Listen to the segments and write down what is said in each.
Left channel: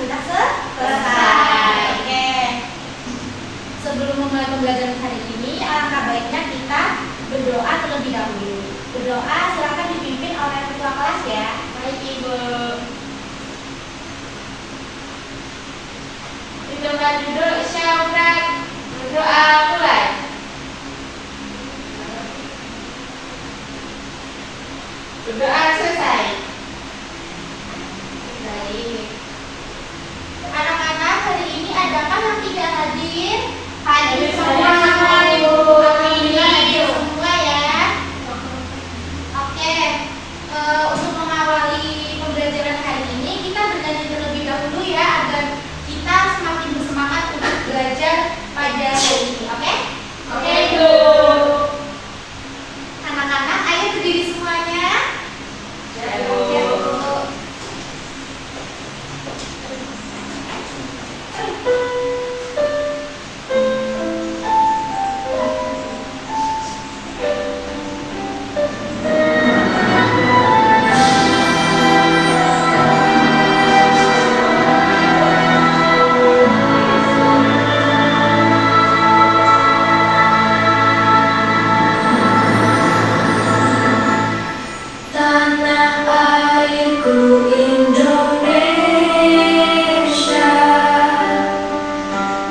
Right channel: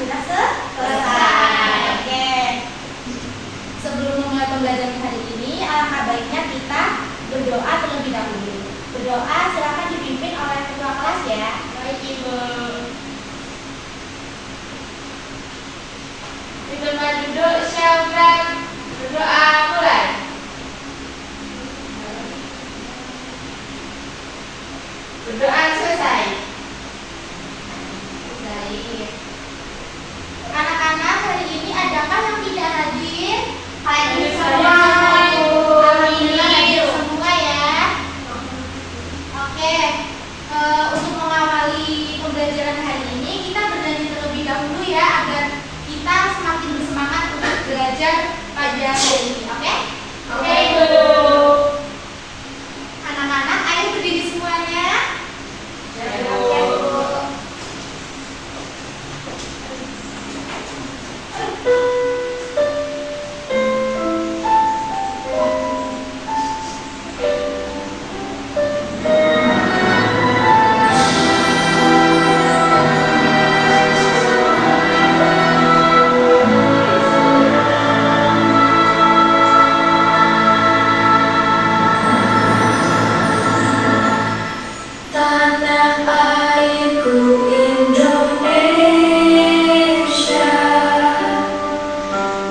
sudah selesai. Oke. Sebelum memulai pembelajaran hari ini, alangkah baiknya kita berdoa terlebih dahulu. Berdoa silakan dipimpin oleh ketua kelas ya. Baik Ibu. Di tempat duduk silakan berdoa mulai. Berdoa selesai. Baik. Anak-anak, hari ini adakah yang tidak hadir? Hadir semua. Alhamdulillah hadir semua ya. Oke. Untuk mengawali pembelajaran hari ini, kita bernyanyi terlebih dahulu ya, agar kita semakin bersemangat untuk belajar pada hari ini. Oke? Oke Ibu. Anak-anak, ayo berdiri semuanya. Ya Ya, Bu. Bu. Tanah airku Indonesia,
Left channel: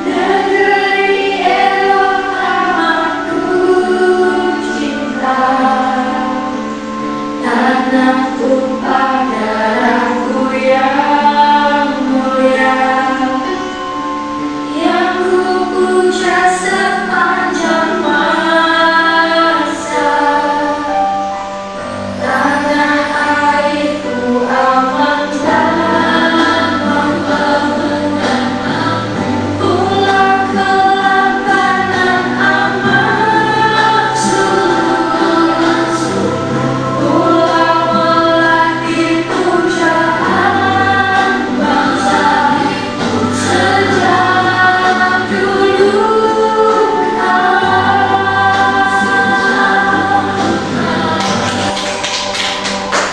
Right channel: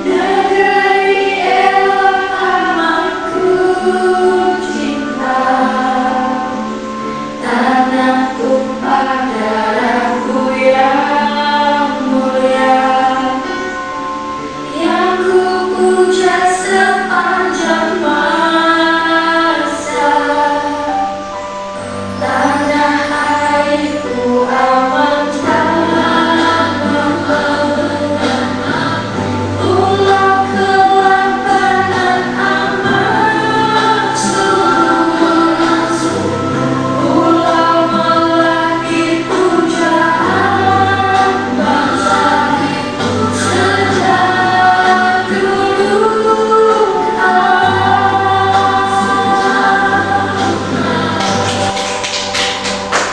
negeri elok amat ku cinta, tanah tumpah darahku yang mulia, yang ku puja sepanjang masa. Tanah airku aman dan membenam, pulau kelaparan amat subur, pulau melati pujaan bangsa sejak dulu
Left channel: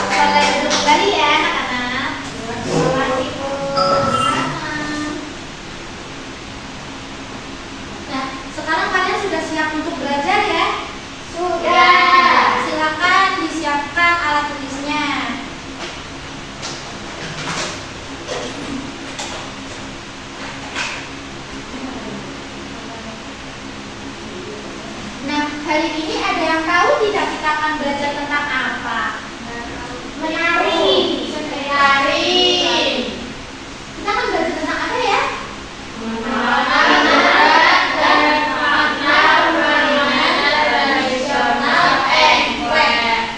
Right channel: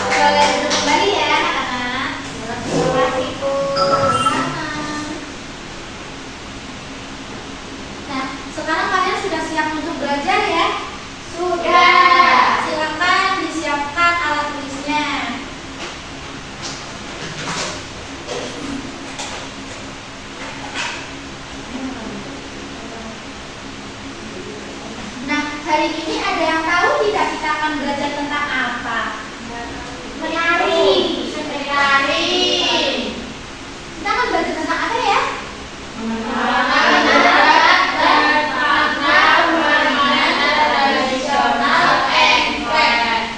Boleh duduk kembali ya anak-anak. Terima Ibu. Nah, sekarang kalian sudah siap untuk belajar ya? Sudah. Silakan disiapkan alat tulisnya. Nah, hari ini ada yang tahu tidak kita akan belajar tentang apa? Menari. Menari. Kita akan belajar tentang apa ya?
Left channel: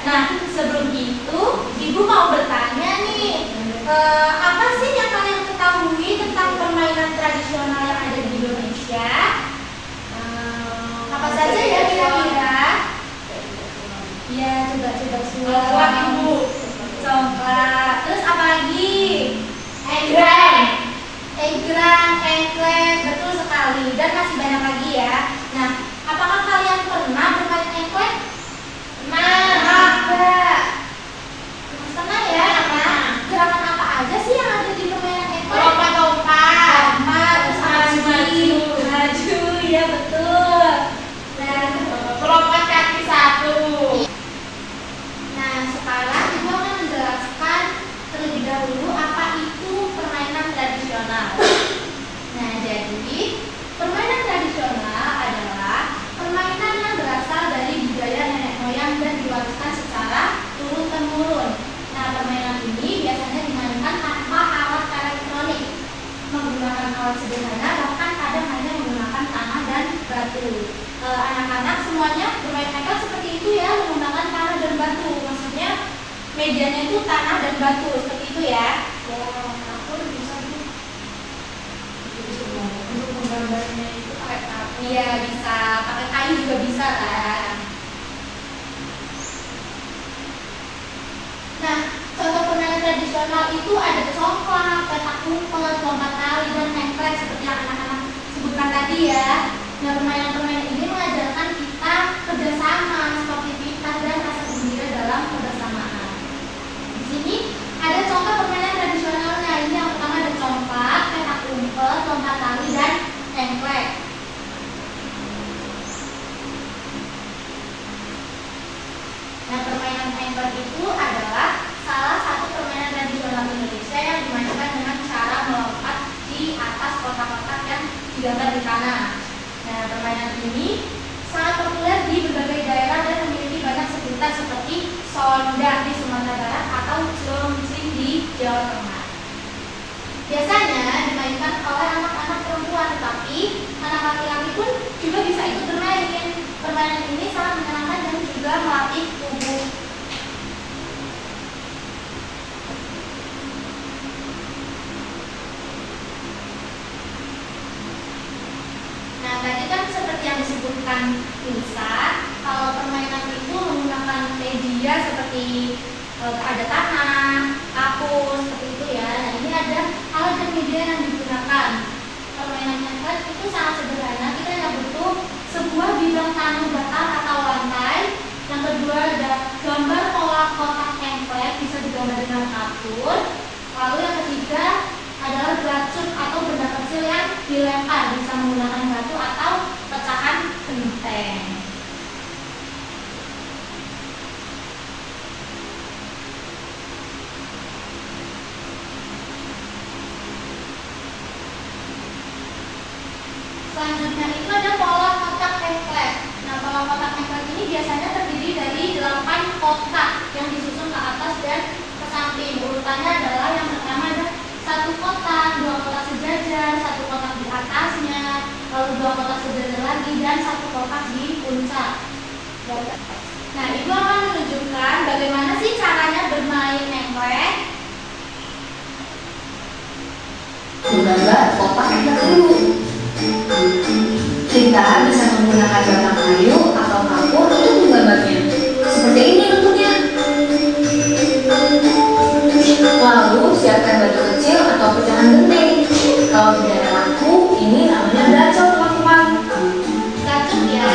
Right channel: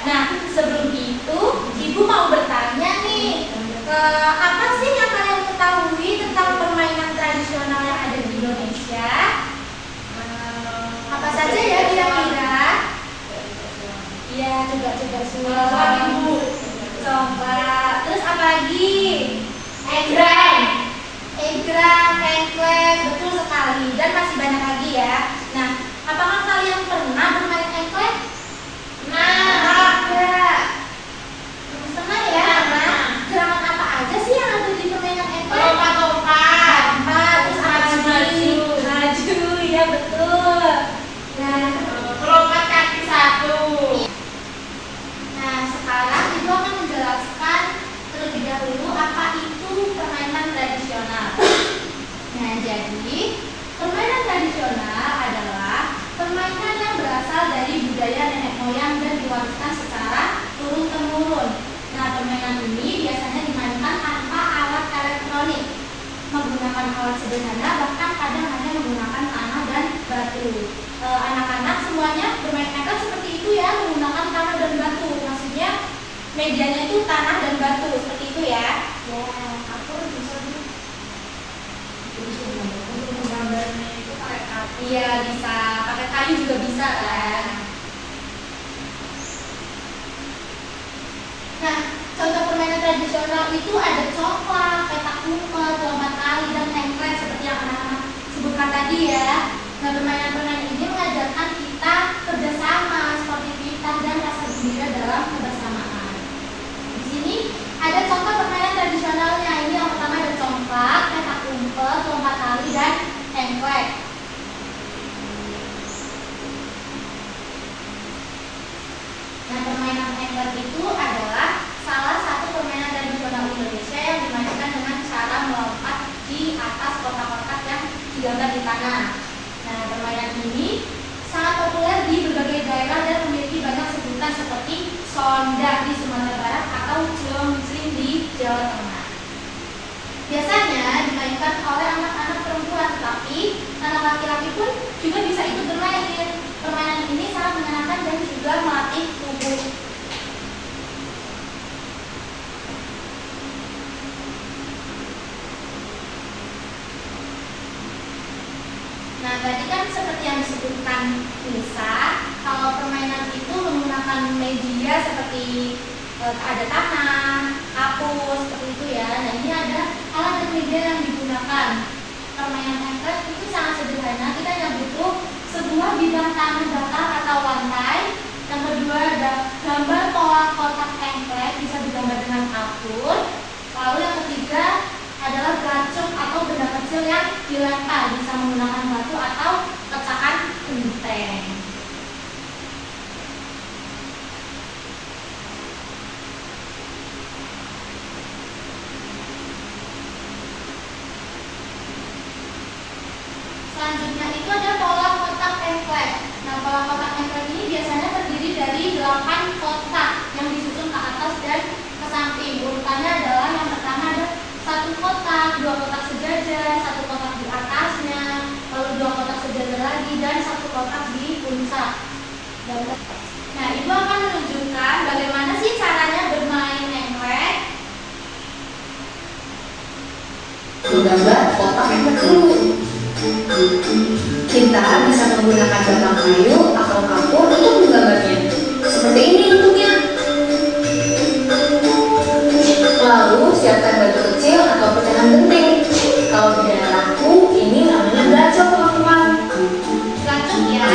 Nah, sebelum itu, Ibu mau bertanya nih, apa sih yang kalian ketahui tentang permainan tradisional yang ada di Indonesia? Apa saja ya kira-kira? Iya, coba semua. Coba. Terus apa lagi? Egrang, engklek, betul sekali. Dan masih banyak lagi ya. Nah, apakah kalian pernah bermain engklek? Enggak. Pernah ya? Gerakan apa aja sih yang ada di permainan engklek? Lompat-lompat. Terus apa lagi? Maju, ya betul. Nah, Lompat kaki satu. Nah, sekarang Ibu akan menjelaskan terlebih dahulu apa itu permainan tradisional. Nah, jadi permainan tradisional adalah permainan yang berasal dari budaya nenek moyang dan diwariskan secara turun-temurun. Nah, permainan ini biasanya dimainkan tanpa alat elektronik, menggunakan alat sederhana, bahkan kadang hanya menggunakan tanah dan batu. Anak-anak semuanya bermain engklek seperti itu ya, menggunakan tanah dan batu. Maksudnya medianya itu tanah dan batu, seperti itu ya. Ya, aku bisa untuk menggambarnya itu pakai kayu. Iya, bisa pakai kayu juga bisa kan. Nah, contoh permainan tradisional itu ada congklak, petak umpet, lompat tali, dan engklek seperti yang anak-anak sebutkan tadi ya. Nah, permainan-permainan ini mengajarkan kita kerjasama, sportivitas, dan rasa gembira dalam kebersamaan. Di sini ada contoh permainan tradisionalnya. Ini yang pertama ada congklak. digambar di tanah. Nah, permainan ini sangat populer di berbagai daerah dan memiliki banyak sebutan seperti sondang di Sumatera Barat atau clongsring di Jawa Tengah. Biasanya dimainkan oleh anak-anak perempuan, tapi anak laki-laki pun juga bisa ikut bermain. Permainan ini sangat menyenangkan dan juga melatih tubuh. Nah, tadi kan seperti yang disebutkan Nisa, kalau permainan itu menggunakan media seperti ada tanah, kapur, seperti itu ya. Nah, ini ada alat dan media yang digunakan. Permainan engklek itu sangat sederhana. Kita hanya butuh sebuah bidang tanah datar atau lantai. Yang kedua ada gambar pola kotak engklek, bisa digambar dengan kapur. Lalu yang ketiga adalah racun atau benda kecil yang dilempar, bisa menggunakan batu atau pecahan genteng. Selanjutnya itu ada pola kotak engklek. Nah, pola kotak engklek ini biasanya terdiri dari 8 kotak yang disusun ke atas dan ke samping. Urutannya adalah yang pertama ada 1 kotak, 2 kotak sejajar, 1 kotak di atasnya, lalu 2 kotak sejajar lagi, dan 1 kotak di puncak. Nah, Ibu akan menunjukkan bagaimana sih caranya bermain engklek. Menggambar kotak engklek dulu. Kita bisa menggunakan batang kayu atau kapur untuk menggambarnya. Seperti ini bentuknya. Lalu siapkan batu kecil atau pecahan genteng. Kalau di daerahku ini namanya belacok, teman-teman. Racun ya.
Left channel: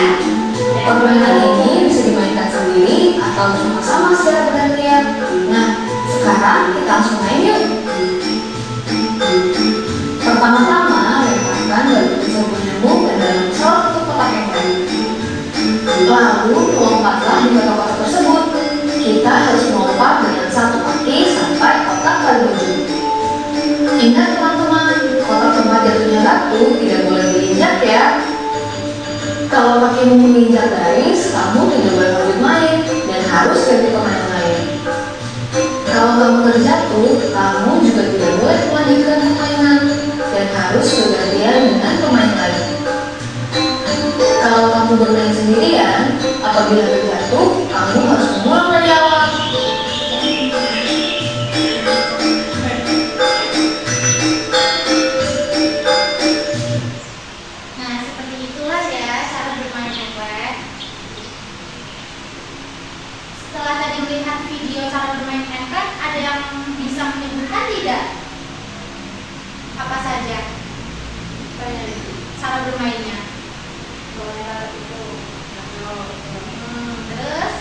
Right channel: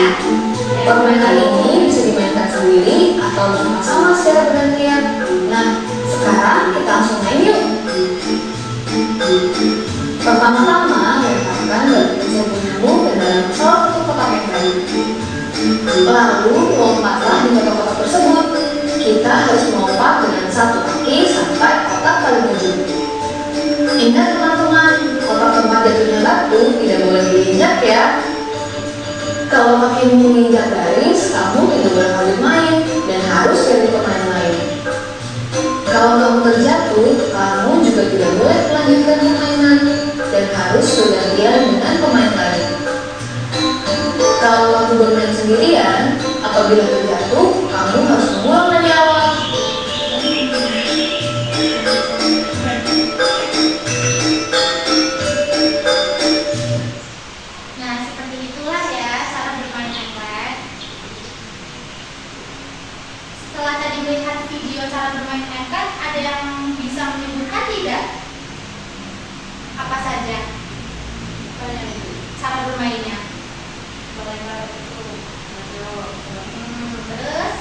Permainan ini bisa dimainkan sendiri atau bersama-sama secara bergantian. Nah, sekarang kita langsung main yuk. Pertama-tama lemparkan batu kecil penyambung ke dalam salah satu kotak engklek. Lalu lompatlah di kotak tersebut. Kita harus melompat dengan 1 kaki sampai kotak paling ujung. Ingat teman-teman, kotak tempat jatuhnya batu tidak boleh diinjak ya. Kalau kakimu menginjak garis, kamu tidak boleh lanjut main dan harus cari pemain lain. Kalau kamu terjatuh, kamu juga tidak boleh melanjutkan permainan dan harus bergantian dengan pemain lain. Kalau kamu bermain sendirian, apabila terjatuh, kamu harus mengulang dari awal. Nah, seperti itulah ya cara bermain engklek. Setelah tadi melihat video cara bermain engklek, ada yang bisa menyebutkan tidak? Apa saja cara bermainnya? Terus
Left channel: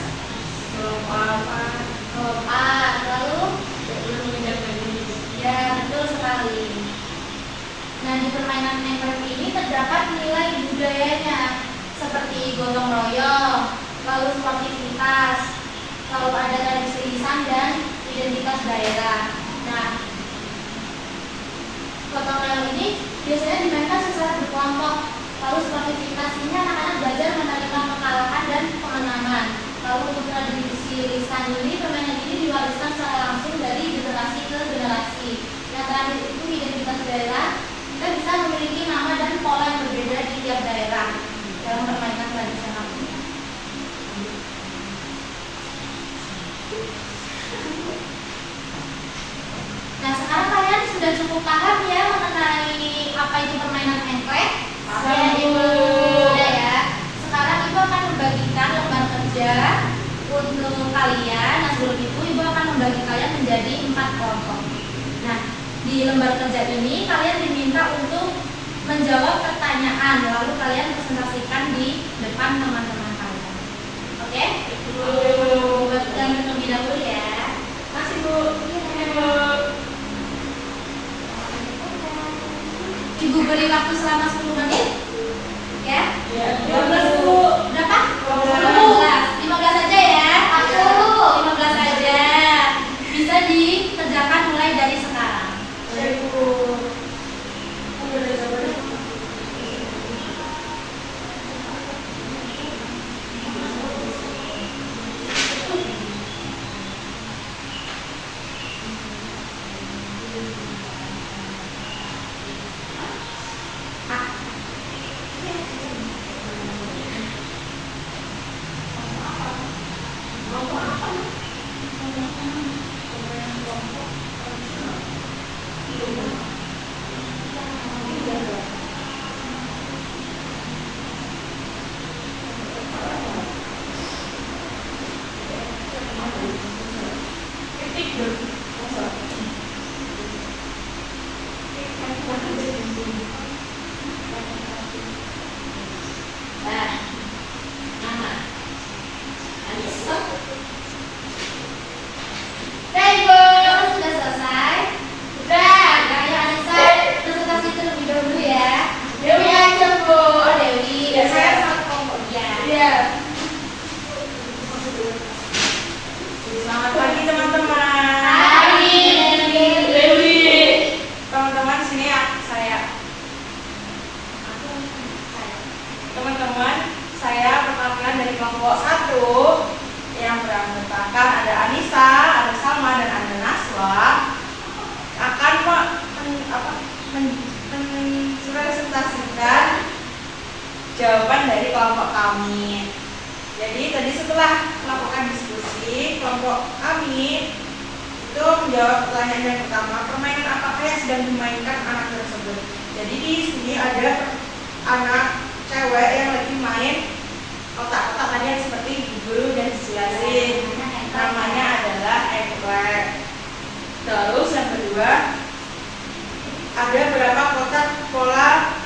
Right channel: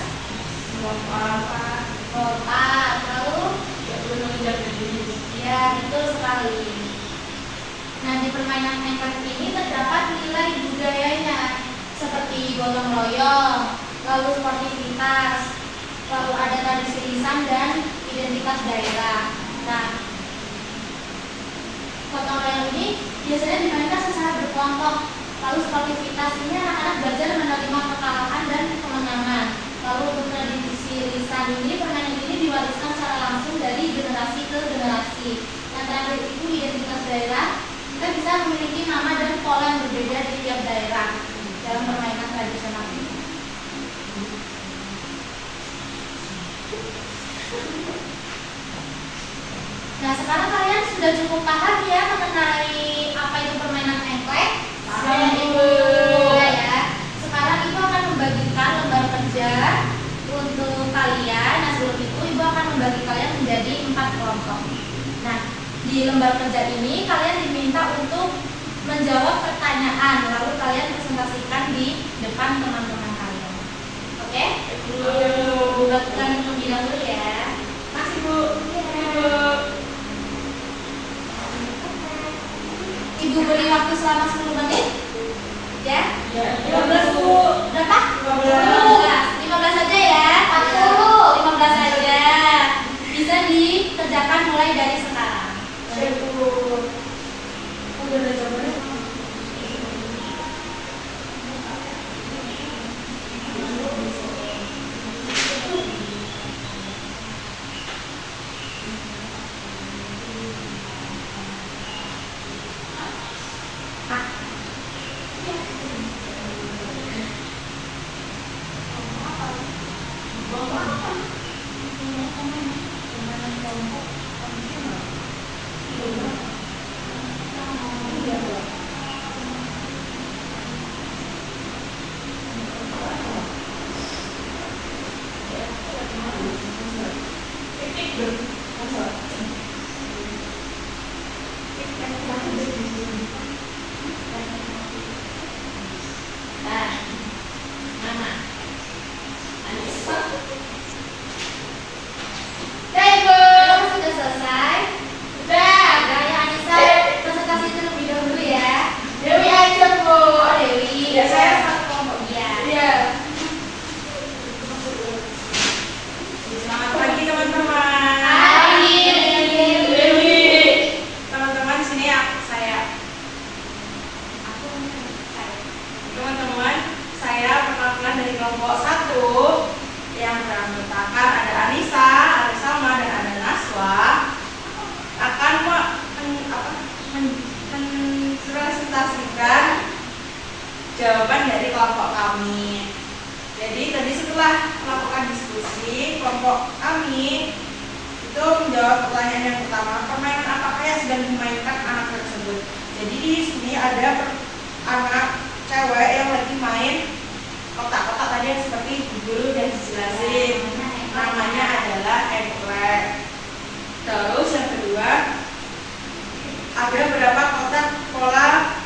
lompat, lalu ya, betul sekali. Nah, di permainan engklek ini terdapat nilai budayanya seperti gotong royong, lalu sportivitas, lalu ada tradisi lisan dan identitas daerah. Nah, gotong royong ini biasanya dimainkan secara berkelompok. Lalu sportivitas ini anak-anak belajar menerima kekalahan dan kemenangan. Lalu untuk tradisi lisan ini, permainan ini diwariskan secara langsung dari generasi ke generasi. Nah, terakhir itu identitas daerah. Kita bisa memiliki nama dan pola yang berbeda di tiap daerah dalam permainan tradisional ini. Nah, sekarang kalian sudah cukup paham ya mengenai apa itu permainan engklek? Saya Ibu ya. Sekarang Ibu akan membagikan lembar kerja untuk kalian. Nah, sebelum itu Ibu akan membagi kalian menjadi 4 kelompok. Nah, di lembar kerja ini kalian diminta untuk menjawab pertanyaan, lalu kalian presentasikan di depan teman-teman kalian. Oke? Buat kalian terlebih dahulu ya. Masih Bu? Iya. Ibu beri waktu selama 10 menit. Ya? 15 Bu. Berapa? 15 aja ya. 15 aja. Bisa dikerjakan mulai dari sekarang. mempresentasikan jawaban dari kelompok kami. Jadi tadi setelah melakukan diskusi, kelompok kami itu menjawab pertanyaan yang pertama, permainan apakah yang sedang dimainkan anak tersebut. Jadi di sini ada anak cewek yang lagi main kotak-kotak tadi yang seperti ibu guru dan dijelasin. Namanya adalah eggplant. Terus yang kedua, ada berapa kotak pola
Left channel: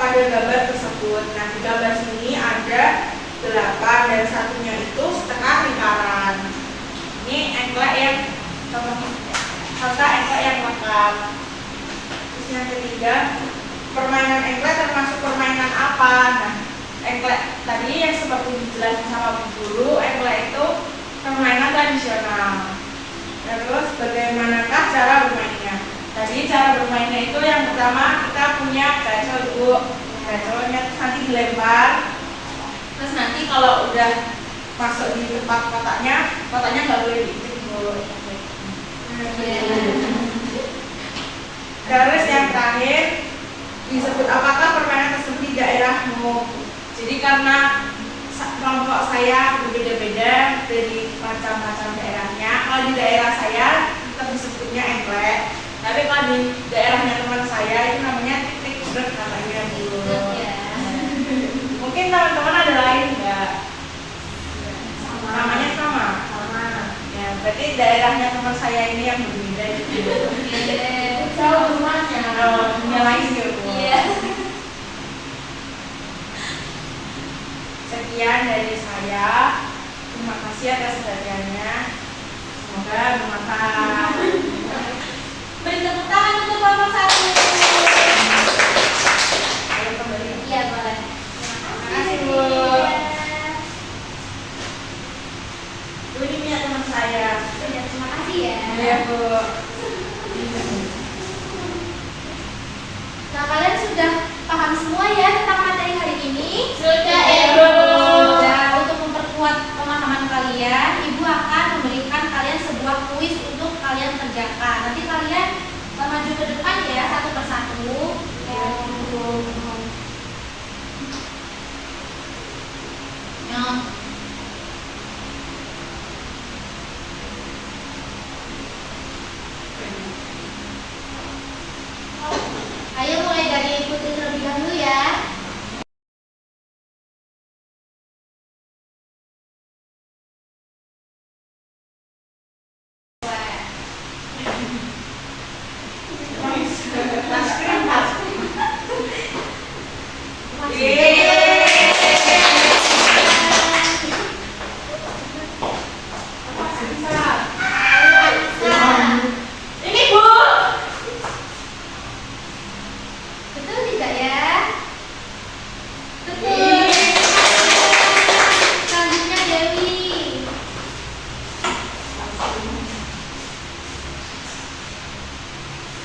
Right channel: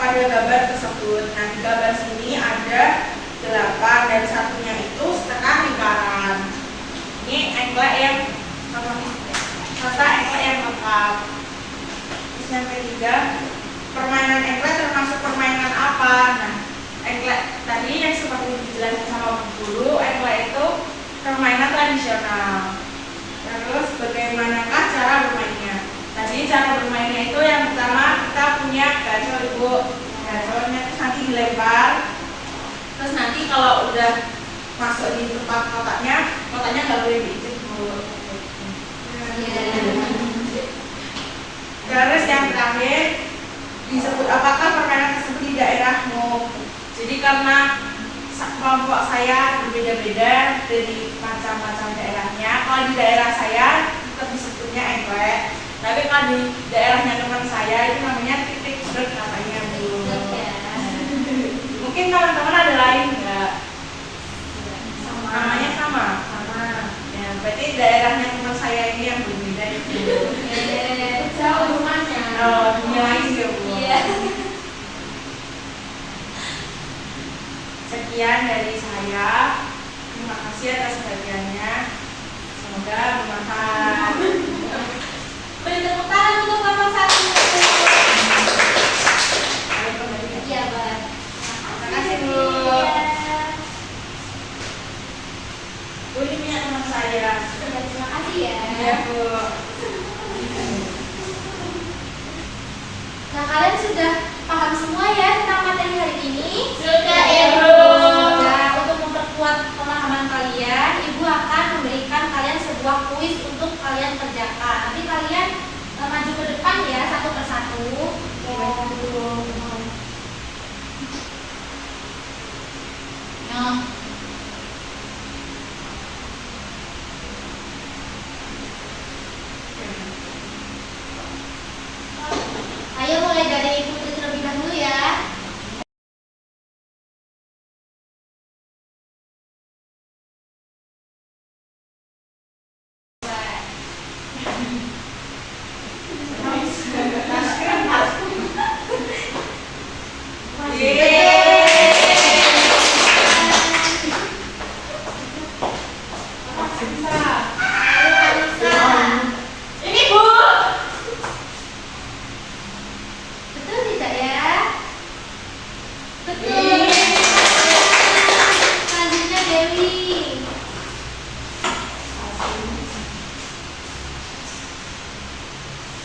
pada gambar tersebut. Nah, di gambar sini ada 8 dan satunya itu setengah lingkaran. Ini eggplant yang serta eggplant yang lengkap. Terus yang ketiga, permainan eggplant termasuk permainan apa? Nah, eggplant tadi yang seperti dijelaskan sama Bu Guru, eggplant itu permainan tradisional. Terus bagaimanakah cara bermainnya? Tadi cara bermainnya itu yang pertama kita punya gacor Ibu. Gacornya terus nanti dilempar. Terus nanti kalau udah masuk di tempat kotaknya nggak boleh dijemput. Terus yang terakhir, disebut apakah permainan tersebut di daerahmu. Jadi karena kelompok saya berbeda-beda dari macam-macam daerahnya. Kalau di daerah saya tetap disebutnya eggplant. Tapi kalau di daerahnya teman saya itu namanya titik dot namanya Bu. Mungkin teman-teman ada lain nggak? Namanya sama. Ya, berarti daerahnya teman saya ini yang berbeda. Jauh rumahnya. Dunia lain juga Bu. Iya. Sekian dari saya. Terima kasih atas perhatiannya. Semoga bermanfaat. Beri tepuk tangan untuk kelompok 1. Boleh kembali. Iya, boleh. Terima kasih Bu. Bu ini punya teman saya. Ya, terima kasih ya. Ya Bu. Nah, kalian sudah paham semua ya tentang materi hari ini? Sudah, Ibu. Dan untuk memperkuat pemahaman kalian, Ibu akan memberikan kalian sebuah kuis untuk kalian kerjakan. Nanti kalian maju ke depan ya, satu persatu. Ya. Nah. Ayo mulai dari Putri terlebih dahulu ya. Ini Bu. Betul tidak ya? Betul. Selanjutnya Dewi.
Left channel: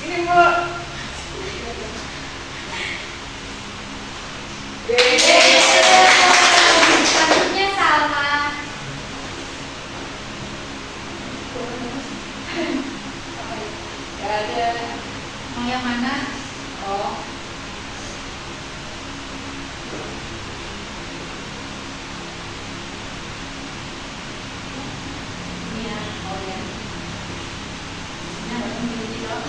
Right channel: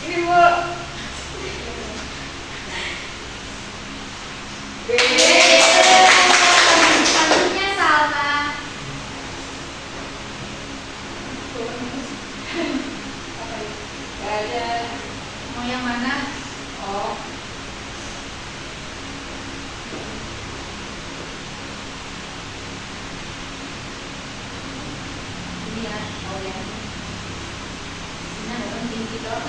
Ini Bu. Selanjutnya Salma. Gak ada. Mau yang mana? Oh. Ini ya. Oh ya. Ini ada orang di loh.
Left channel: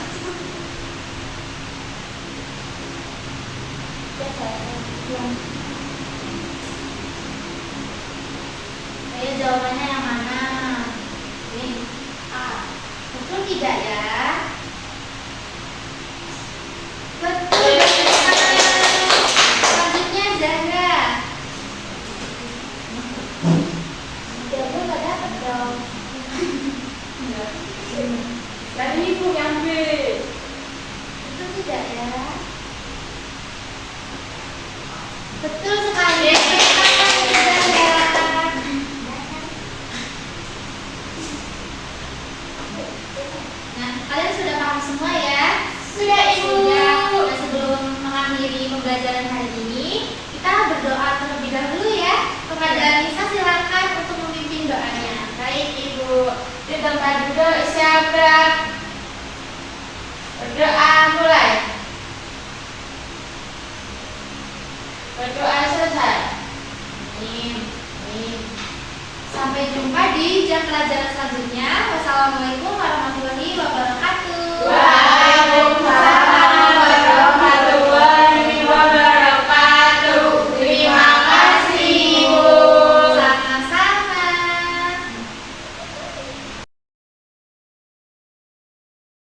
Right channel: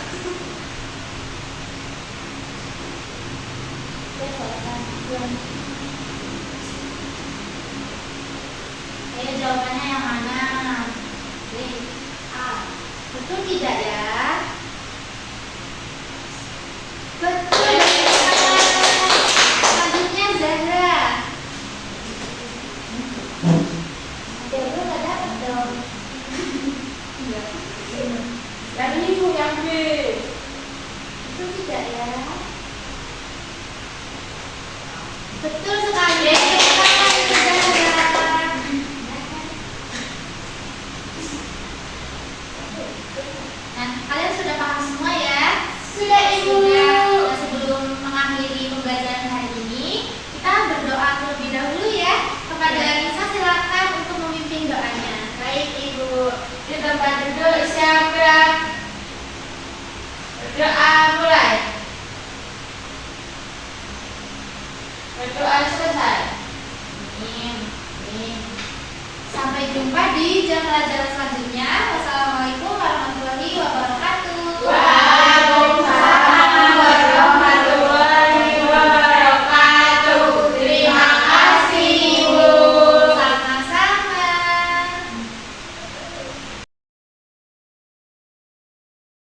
Ya, saya belum. Ayo jawabannya yang mana? Ini A. Betul tidak ya? Betul. Selanjutnya Zahra. Zahra nggak dapat dong. Dan ini Bu yang B. Betul tidak ya? Betul sekali. Zahra. Nah, kalian sudah paham semua ya? Sudah, Ibu. Sudah. Dan sebelum mengakhiri pembelajaran hari ini, kita berdoa terlebih dahulu ya. Kepada Nisa silakan untuk memimpin doanya. Baik Ibu. Di tempat duduk siap gerak. Berdoa mulai. Berdoa selesai. Amin. Amin. Sampai jumpa di jam pelajaran selanjutnya. Wassalamualaikum warahmatullahi wabarakatuh.